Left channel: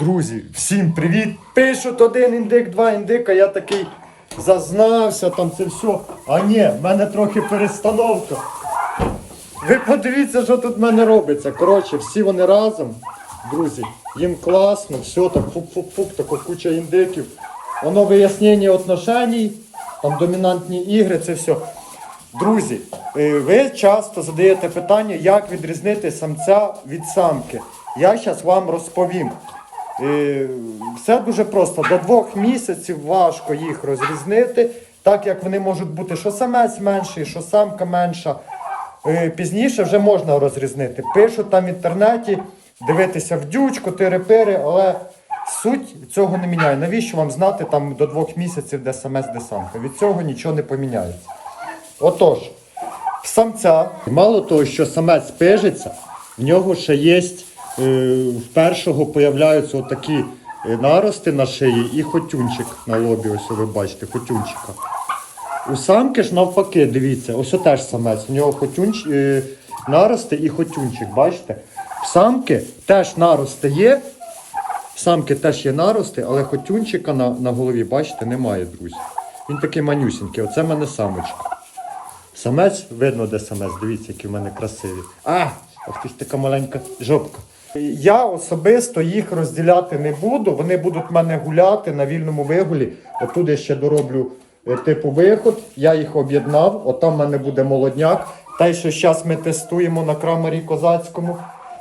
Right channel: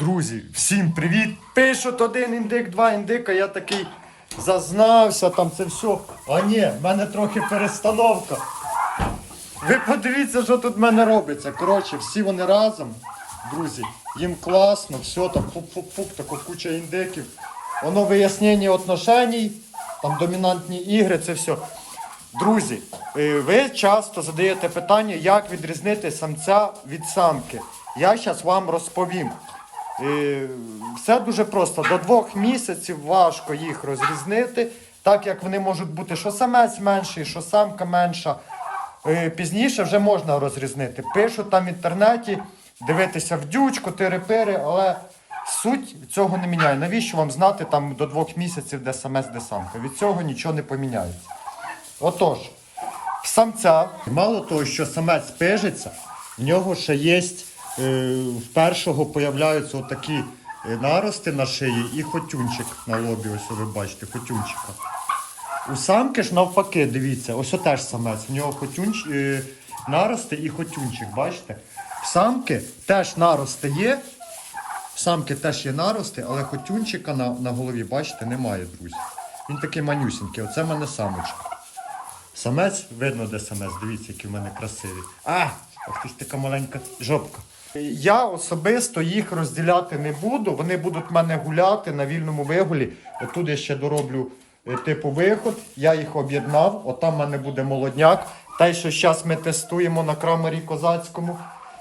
Друзі, всім привіт! Пишуть один індик, два індика, я такий зазнався, там це все. А ні, в мене трохи перестановка. Ви подивіться, що тут в мене робиться. Коротше, всі вони разом, друзі, їм класно, все там пуп-пуп-пуп, тако куча індиків. Воно вияснення отношеній, там домінантні ігри, це все. Друзі, е, ви часто задаєте питання, як відрізнити самця від самки. Я зараз вам розповім. Все дуже просто. До двох місяців важко їх розрізнити, так як вони можуть бути що самець менший, що самка менша. Пізніше вже можна розрізнити. Пишуть там в інтернеті, дивитися в дючку, тири-пири, але суть цього не міняє. Навіщо вам знати там до двох місяців, де самець, де самка? Від цього нічого не поміняється. Отож, в самця, мало того, що самець пижиться, в нього ще є, в першого появляються отакі е, нарости на шиї і хотюнчик на лобі, ось ви бачите, хотюнчика. У самки ж навпаки, дивіться, ось теж самець. У нього хотюнч, е, нарости і хотюнчик, бачите? В самки теж нарости є. В самки теж є нарости, але хотюнчика на, на голові, бачите, немає, друзі. Він такий манюсінький, оце в мене самочка. Самець, видно, де самець, дивіться, який в мене красивий. А, ж така маленька жопка. Я особисто їх розділяти не буду. Вони будуть в мене гуляти на вільному вигулі. Отут я ще дороблю е, типу виход. Я їх об'єднав. Отам в мене буде молодняк. Те, що зараз ми тестуємо на крамарі козацькому.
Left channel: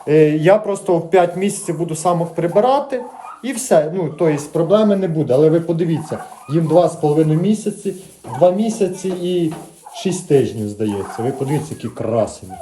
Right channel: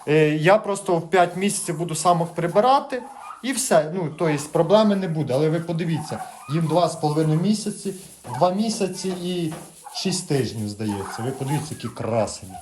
Е, Я просто в 5 місяців буду самок прибирати. І все. Ну, тобто проблеми не буде. Але ви подивіться, їм 2,5 місяці, 2 місяці і 6 тижнів, здається. Ви подивіться, які красені.